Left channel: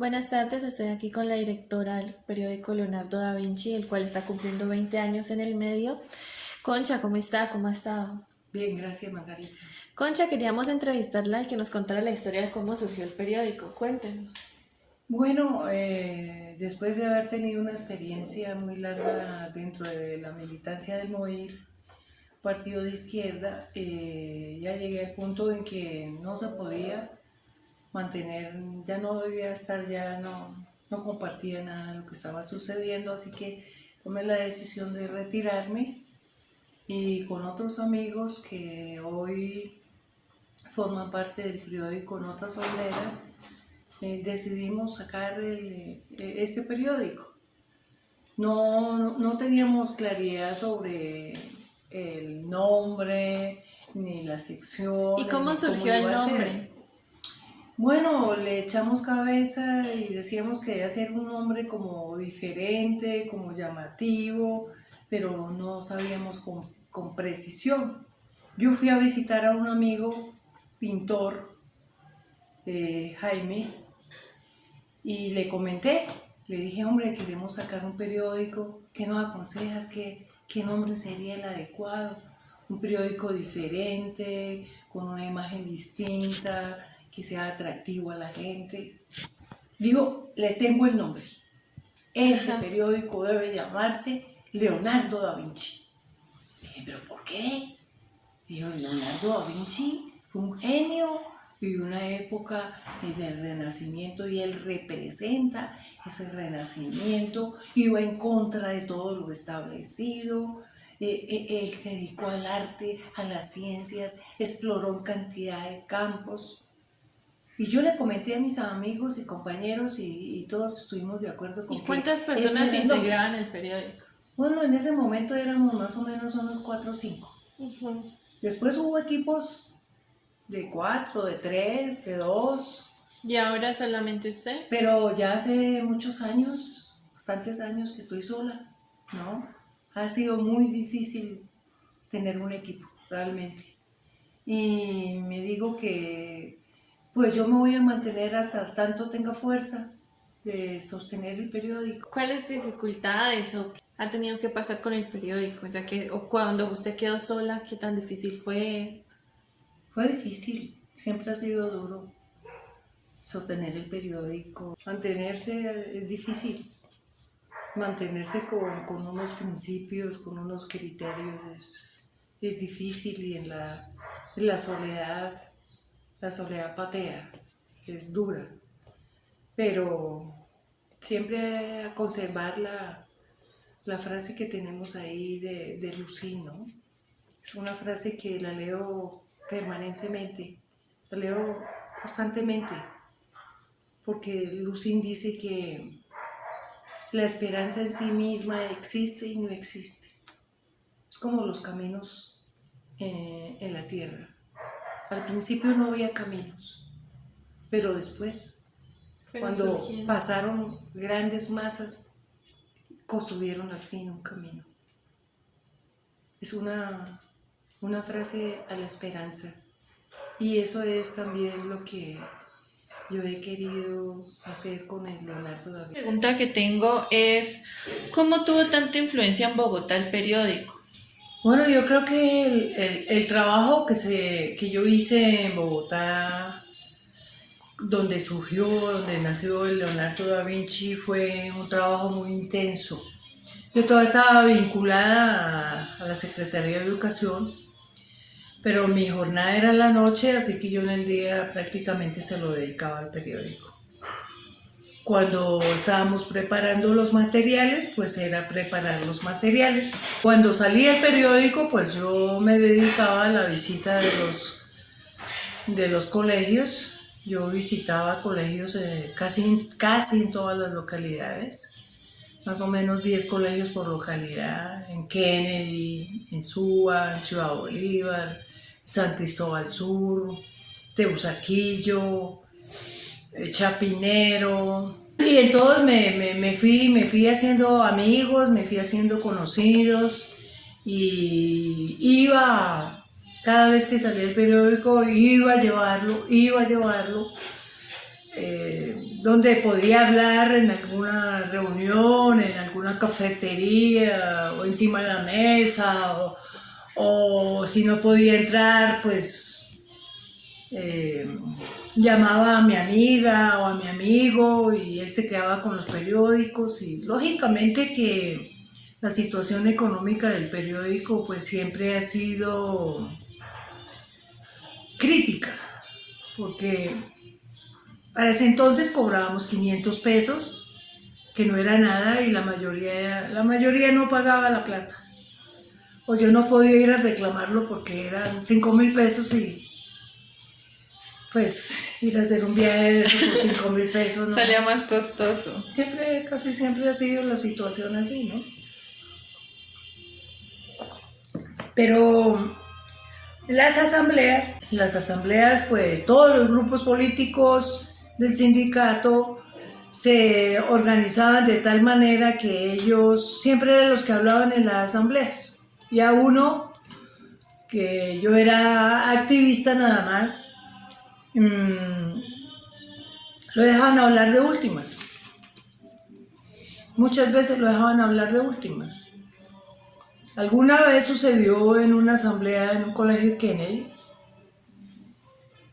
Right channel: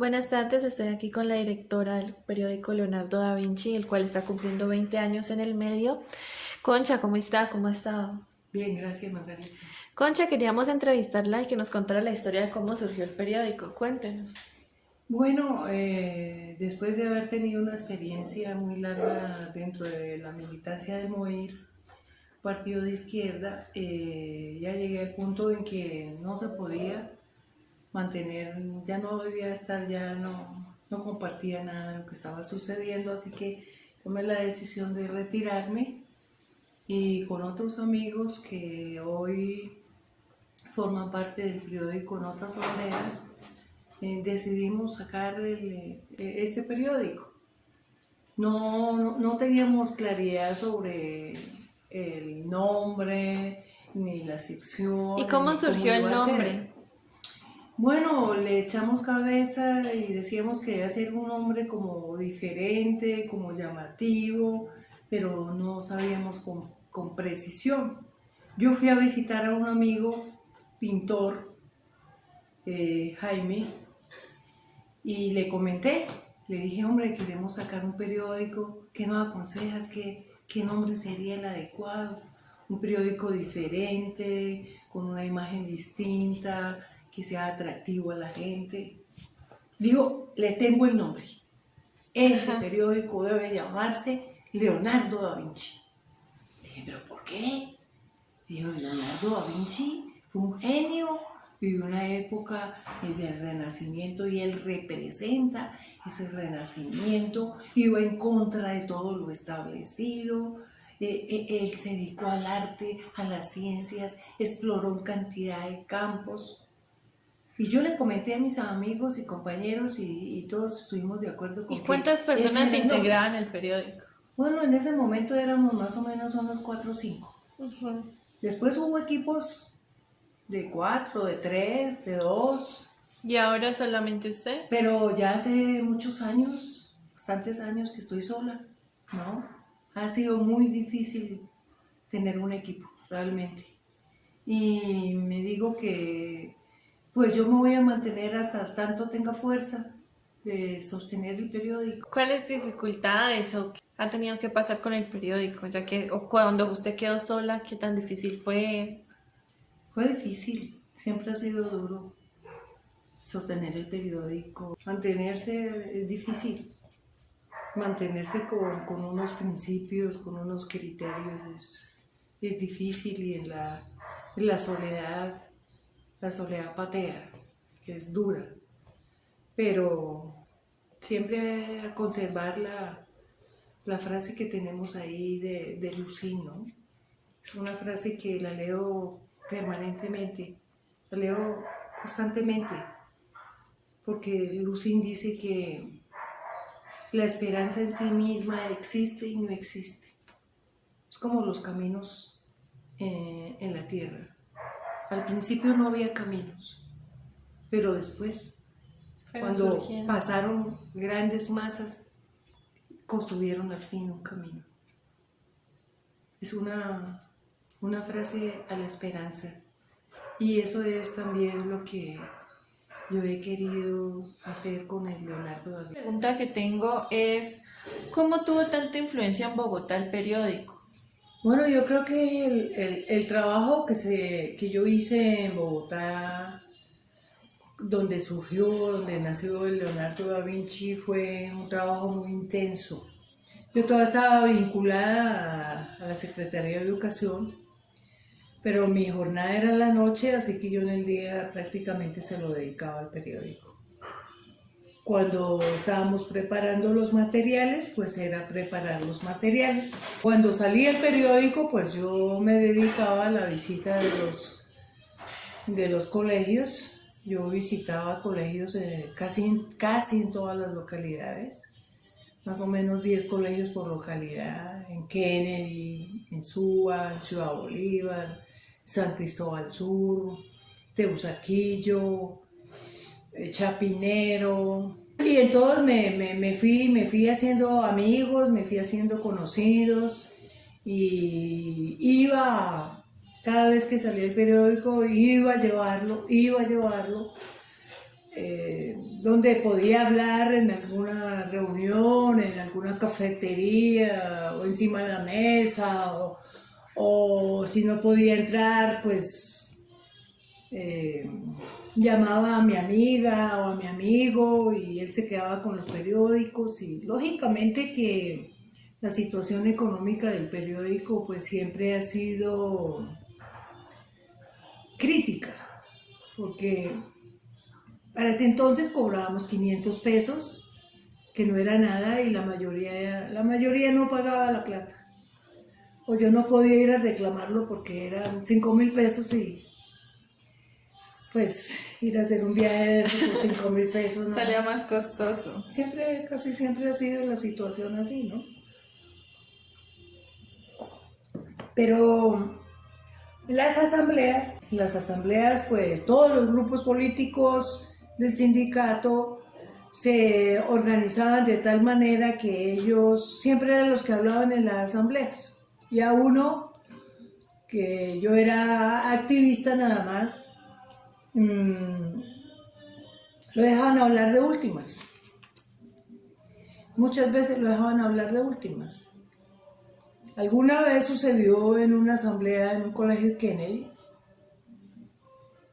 Buenas tardes, estoy aquí con la directora del periódico Leonardo da Vinci, el cual está cumpliendo 20 años en el medio. Concha, ¿cómo está? ¿Cómo ha estado? Bien, gracias, Margarita. Concha, queríamos entrevistarla y que nos contara la historia de cómo surgió el periódico. Cuéntenos. Bueno, después de haber tenido una experiencia muy larga dentro de la militancia del MOIR, partido de izquierda, ya llegué al punto en que no se podía mantener, ya no debía estar, ya no compartía nada de lo que estaba sucediendo, así que tomé la decisión de retirarme y con otros amigos que hoy forman parte del periódico Notas Obreras, decidimos sacar este periódico. No teníamos claridad sobre el nombre, ni las ¿Y secciones, cómo ni cómo surgió el iba a ser. nombre? Bueno, le echamos cabeza y decíamos que debía ser un nombre como diferente, como llamativo, pero no sabíamos con precisión. Yo fui a visitar a un amigo pintor, Jaime, y le comenté, le dije, hombre, queremos sacar un periódico, ¿qué nos aconsejas? ¿Qué nombre sería el adecuado? Un periódico diferente, con una imagen distinta, que sea atractivo a la gente. Digo, le tengo el nombre. Ese Ajá. periódico debe llamarse Leonardo da Vinci. Le dije, ¿pero por qué? Dijo, Leonardo da Vinci fue un genio, vivió una época del Renacimiento y él representa ese Renacimiento, iba en contra de todo lo establecido, él se dedicó al arte, a las ciencias, exploró en cantidad de campos. Y yo le comenté a mis amigos y compañeros y todos estuvimos de acuerdo ¿Y con que cuántas ese personas era el nombre. integraban el periódico? Bueno, en ese momento éramos más o menos unos 4 o 5. Ujú. Después hubo equipos de 4, de 3, de 2, ¿Y ahora solamente usted? pero ya hace muchos años, bastantes años que estoy sola, ¿no? Ha sido muy difícil tener un equipo, realmente. Y me digo que pues yo me voy a mantener hasta tanto tenga fuerza de sostener el periódico. ¿Cuáles dificultades o qué ha tenido que pasar con el periódico? Ya que, o cuando usted quedó sola, ¿qué tan difícil fue? Fue difícil, siempre ha sido duro sostener el periódico. Mantenerse es difícil. Mantenerse con unos principios, con unos criterios es difícil y en la soledad patea, es dura, pero siempre a conservar la frase que tenemos ahí de Lucín, ¿no? Es una frase que la leo permanentemente, la leo constantemente, porque Lucín dice que la esperanza en sí misma existe y no existe. Es como los caminos en la tierra. Al principio no había caminos, pero después, Fueron cuando surgiendo. pasaron grandes masas, construyeron al fin un camino. Es una frase a la esperanza. Y eso es también lo que yo he querido hacer con el Leonardo da Vinci. La pregunta que tengo es, ¿cómo tuvo tanta influencia en Bogotá el periódico? Bueno, yo creo que el trabajo que yo hice en Bogotá, donde surgió, donde nació el Leonardo da Vinci, fue un trabajo muy intenso. Yo todavía estaba vinculada a la Secretaría de Educación, pero mi jornada era en la noche, así que yo en el día prácticamente se lo dedicaba al periódico. Cuando estábamos preparando los materiales, pues era preparar los materiales. Cuando salía el periódico, pues yo me dedicaba a la visita de los colegios. Yo visitaba colegios casi en todas las localidades, más o menos 10 colegios por localidad, en Kennedy, en Suba, en Ciudad Bolívar, San Cristóbal Sur, Teusaquillo, Chapinero. Y en todos me fui haciendo amigos, me fui haciendo conocidos y cada vez que salía el periódico, iba a llevarlo donde podía hablar en alguna reunión, en alguna cafetería o encima de la mesa, o si no podía entrar, pues llamaba a mi amiga o a mi amigo y él se quedaba con los periódicos, y lógicamente que la situación económica del periódico pues siempre ha sido crítica, porque para ese entonces cobrábamos 500 pesos, que no era nada, y la mayoría no pagaba la plata. O yo no podía ir a reclamarlo porque eran 5.000 pesos, y pues ir a hacer un viaje de esos por 5.000 pesos, ¿no? Salía más costoso. Casi siempre ha sido la situación así, ¿no? Pero las asambleas, pues todos los grupos políticos del sindicato se organizaban de tal manera que ellos siempre eran los que hablaban en las asambleas. Y a uno, que yo era activista nada más, lo dejaban hablar de últimas. Muchas veces lo dejaban hablar de últimas. Alguna vez sucedió en una asamblea en un colegio Kennedy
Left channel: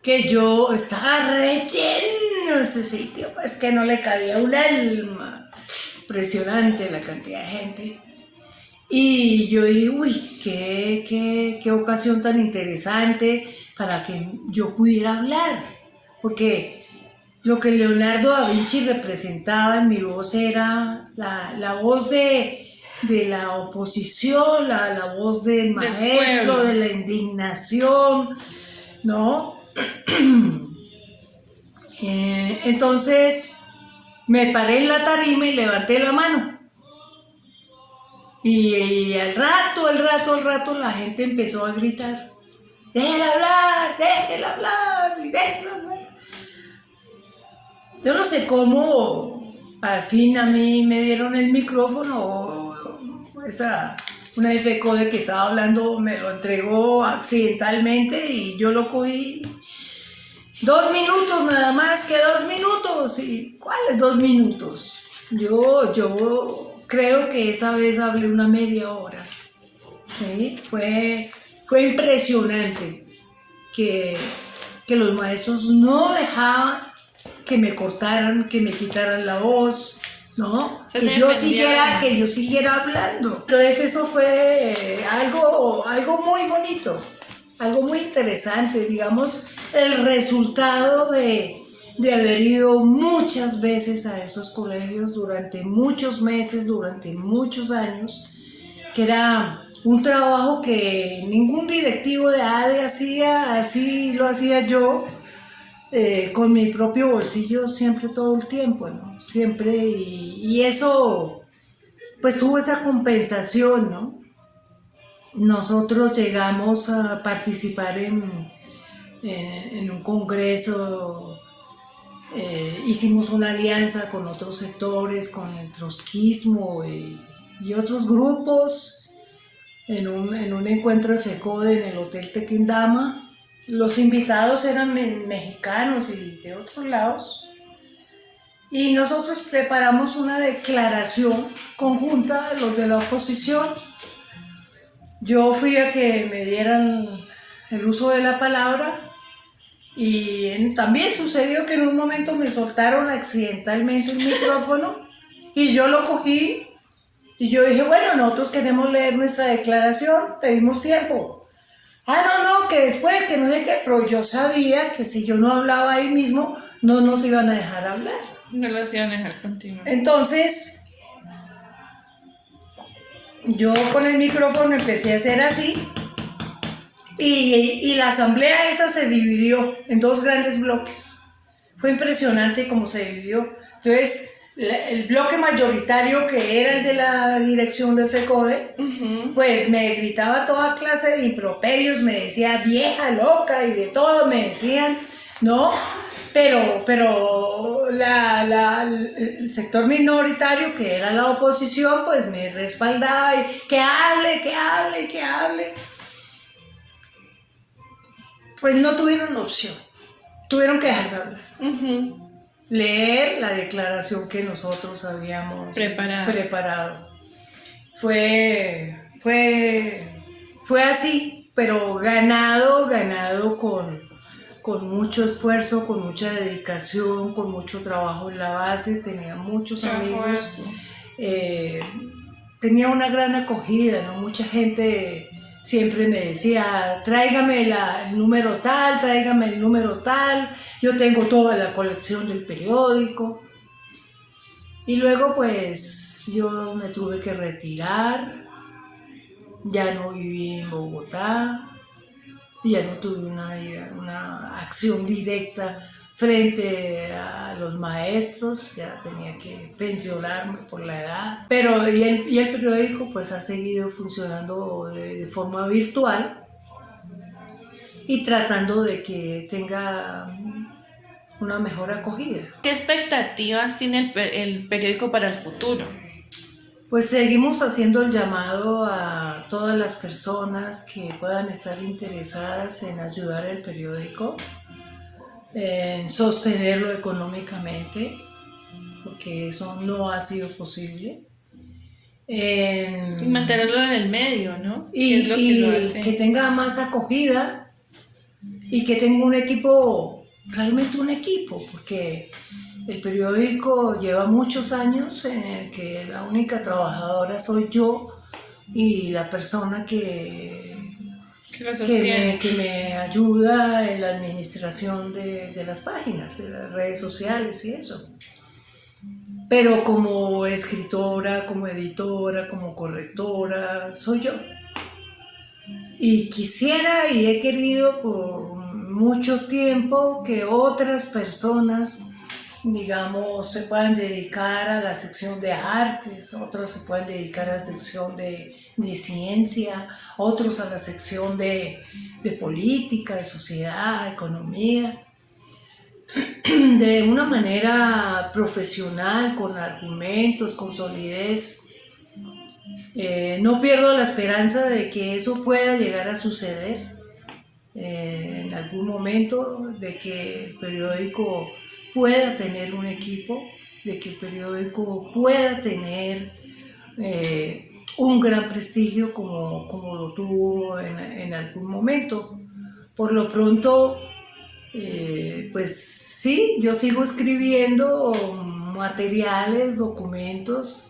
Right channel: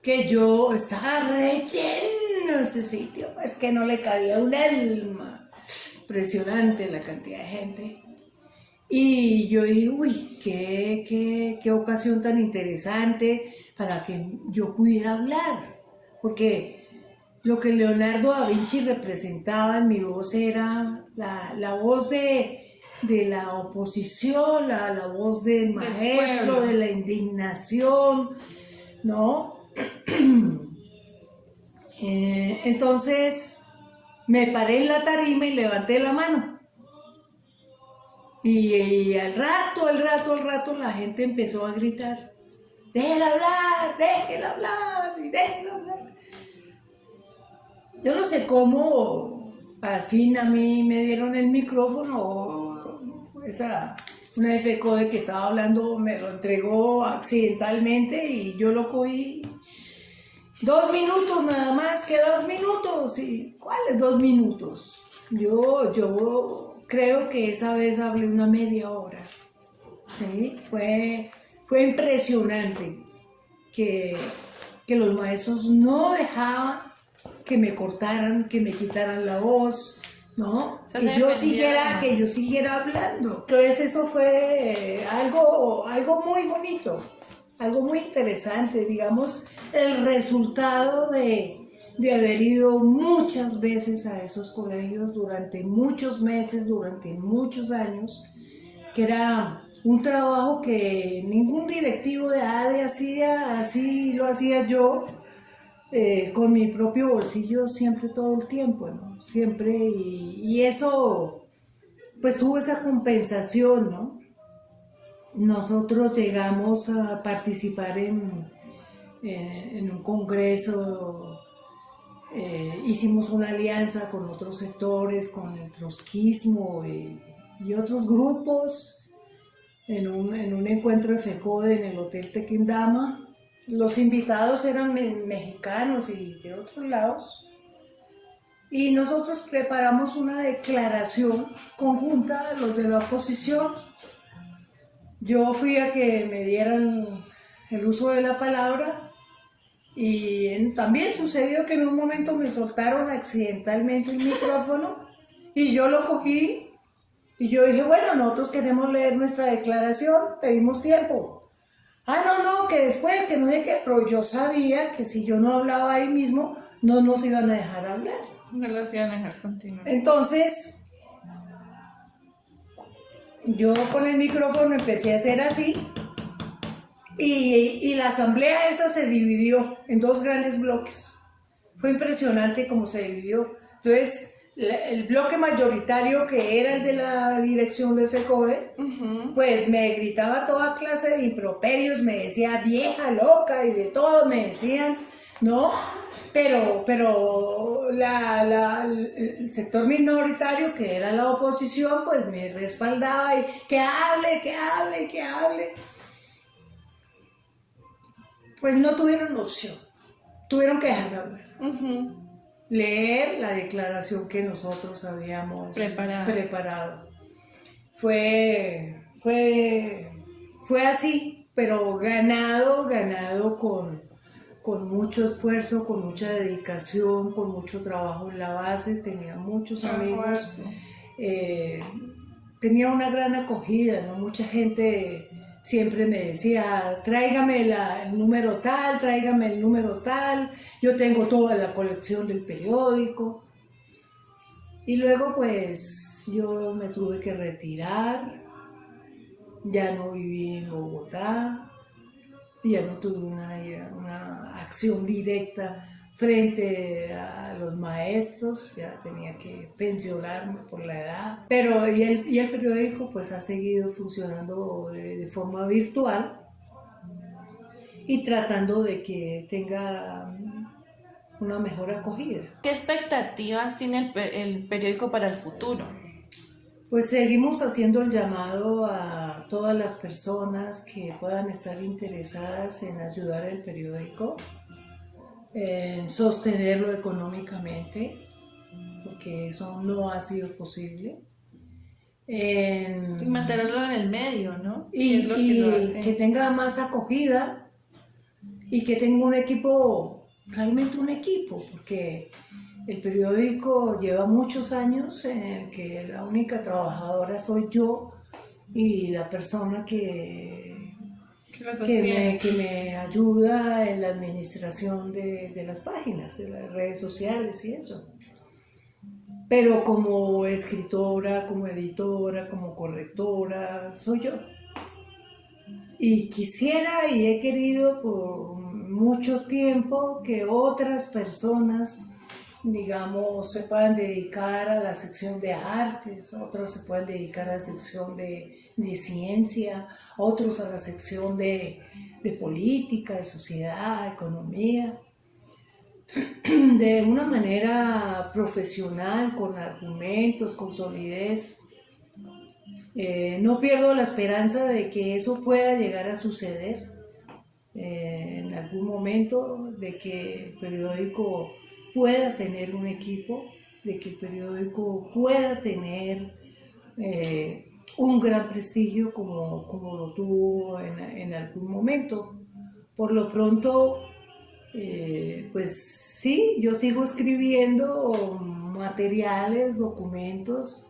que yo estaba relleno ese sitio, pues que no le cabía un alma. Impresionante la cantidad de gente. Y yo dije, uy, qué ocasión tan interesante para que yo pudiera hablar. Porque lo que Leonardo da Vinci representaba en mi voz era la voz de la oposición, la voz del maestro, de la indignación, ¿no? Entonces me paré en la tarima y levanté la mano. Y al rato la gente empezó a gritar, déjela hablar, y déjela hablar. Yo no sé cómo al fin a mí me dieron el micrófono, una FECODE que estaba hablando me lo entregó accidentalmente y yo lo cogí. 2 minutos nada más, que 2 minutos. ¿Y cuáles 2 minutos? Yo creo que esa vez hablé una media hora. ¿Sí? Fue impresionante que los maestros no dejaban que me cortaran, que me quitaran la voz, ¿no? Que yo siguiera hablando. Entonces eso fue algo muy bonito, algo muy interesante, digamos, el resultado de haber ido muchas veces a esos colegios durante muchos meses, durante muchos años, que era un trabajo que ningún directivo de ADE hacía, así lo hacía yo, con mi propio bolsillo siempre, todo el tiempo, ¿no? Siempre, y eso, pues tuvo esa compensación, ¿no? Nosotros llegamos a participar en un congreso, hicimos una alianza con otros sectores, con el trotskismo y otros grupos, en un encuentro de FECODE en el Hotel Tequendama. Los invitados eran mexicanos y de otros lados, y nosotros preparamos una declaración conjunta de los de la oposición. Yo fui a que me dieran el uso de la palabra, y también sucedió que en un momento me soltaron accidentalmente el micrófono y yo lo cogí y yo dije, bueno, nosotros queremos leer nuestra declaración, pedimos tiempo. No, que después, que no sé qué, pero yo sabía que si yo no hablaba ahí mismo, no nos iban a dejar hablar. No los iban a dejar continuar. Entonces, yo con el micrófono empecé a hacer así, y la asamblea esa se dividió en 2 grandes bloques. Fue impresionante cómo se dividió. Entonces, el bloque mayoritario, que era el de la dirección de FECODE, pues me gritaba toda clase de improperios, me decía vieja, loca y de todo me decían, ¿no? Pero el sector minoritario, que era la oposición, pues me respaldaba y que hable. Pues no tuvieron opción, tuvieron que dejarme hablar. leer la declaración que nosotros habíamos preparado. Fue así, pero ganado con mucho esfuerzo, con mucha dedicación, con mucho trabajo en la base. Tenía muchos amigos, tenía una gran acogida, ¿no? Mucha gente siempre me decía, tráigame el número tal, tráigame el número tal, yo tengo toda la colección del periódico. Y luego pues yo me tuve que retirar, ya no viví en Bogotá, ya no tuve una acción directa frente a los maestros, ya tenía que pensionarme por la edad. Pero y el periódico pues ha seguido funcionando de forma virtual y tratando de que tenga una mejor acogida. ¿Qué expectativas tiene el periódico para el futuro? Pues seguimos haciendo el llamado a todas las personas que puedan estar interesadas en ayudar al periódico, en sostenerlo económicamente, porque eso no ha sido posible. Y mantenerlo en el medio, ¿no? Y, Es lo que lo hace. que tenga más acogida y que tenga un equipo, realmente un equipo, porque el periódico lleva muchos años en el que la única trabajadora soy yo y la persona que me ayuda en la administración de las páginas, de las redes sociales y eso. Pero como escritora, como editora, como correctora, soy yo. Y quisiera y he querido por mucho tiempo que otras personas, digamos, se puedan dedicar a la sección de artes, otros se puedan dedicar a la sección de ciencia, otros a la sección de política, de sociedad, economía, de una manera profesional, con argumentos, con solidez. No pierdo la esperanza de que eso pueda llegar a suceder en algún momento, de que el periódico pueda tener un equipo, de que el periódico pueda tener un gran prestigio como lo tuvo en algún momento. Por lo pronto, pues sí, yo sigo escribiendo materiales, documentos,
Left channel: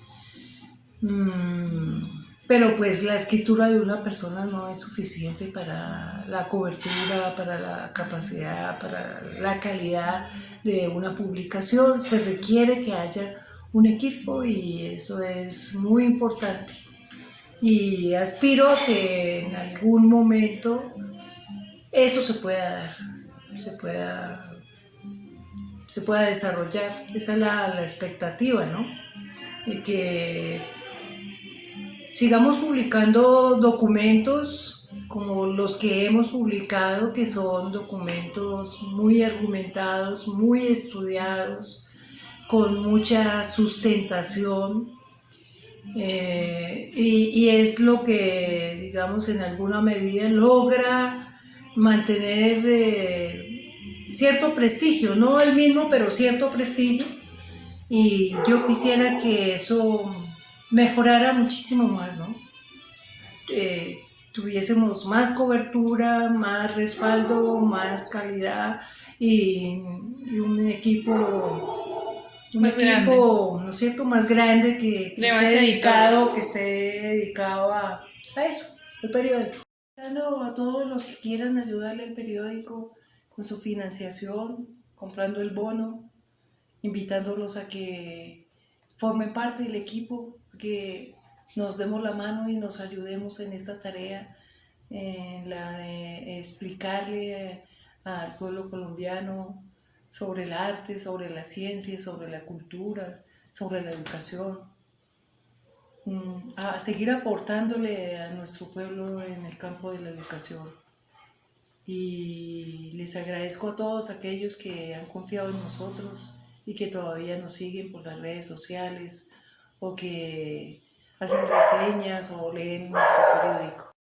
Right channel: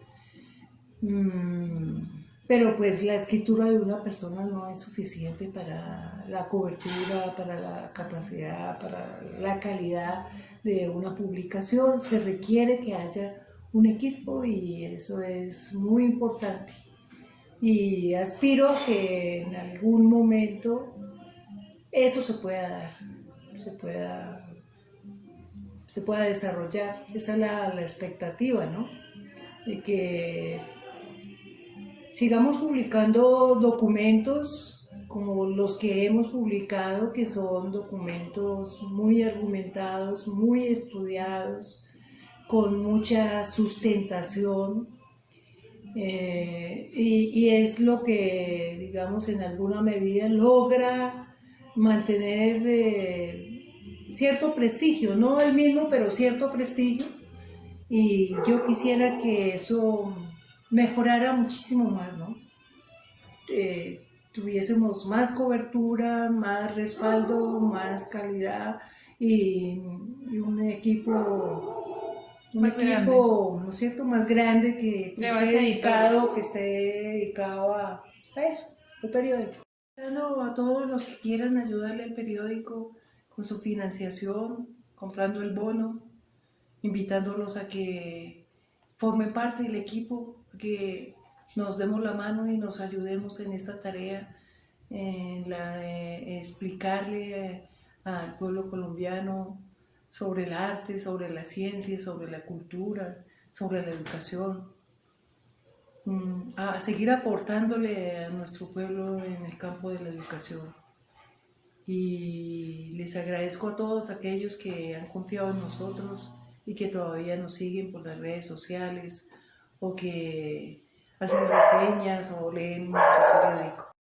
pero pues la escritura de una persona no es suficiente para la cobertura, para la capacidad, para la calidad de una publicación. Se requiere que haya un equipo y eso es muy importante. Y aspiro a que en algún momento eso se pueda dar, se pueda desarrollar. Esa es la expectativa, ¿no? De que sigamos publicando documentos como los que hemos publicado, que son documentos muy argumentados, muy estudiados, con mucha sustentación, y es lo que, digamos, en alguna medida logra mantener cierto prestigio, no el mismo, pero cierto prestigio, y yo quisiera que eso mejorara muchísimo más, ¿no? Tuviésemos más cobertura, más respaldo, más calidad y un equipo, ¿no es cierto?, más grande que esté dedicado a eso, el periódico. A todos los que quieran ayudarle al periódico con su financiación, comprando el bono, invitándolos a que formen parte del equipo, que nos demos la mano y nos ayudemos en esta tarea, en la de explicarle al pueblo colombiano sobre el arte, sobre la ciencia, sobre la cultura, sobre la educación, a seguir aportándole a nuestro pueblo en el campo de la educación. Y les agradezco a todos aquellos que han confiado en nosotros y que todavía nos siguen por las redes sociales o que hacen reseñas o leen nuestro periódico.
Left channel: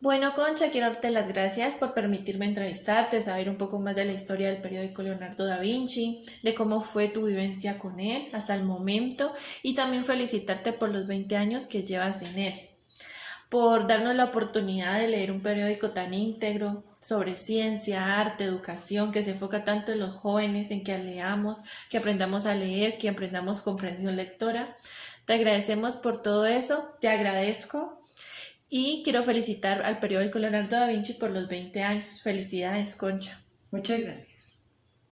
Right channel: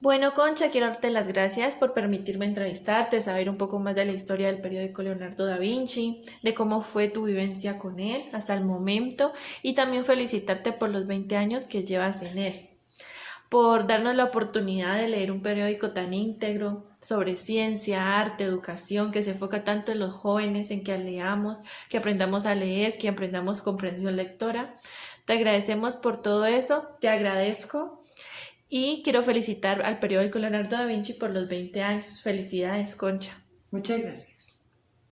Bueno, Concha, quiero darte las gracias por permitirme entrevistarte, saber un poco más de la historia del periódico Leonardo da Vinci, de cómo fue tu vivencia con él hasta el momento y también felicitarte por los 20 años que llevas en él, por darnos la oportunidad de leer un periódico tan íntegro sobre ciencia, arte, educación, que se enfoca tanto en los jóvenes, en que leamos, que aprendamos a leer, que aprendamos comprensión lectora. Te agradecemos por todo eso, te agradezco y quiero felicitar al periódico Leonardo da Vinci por los 20 años. Felicidades, Concha. Muchas gracias.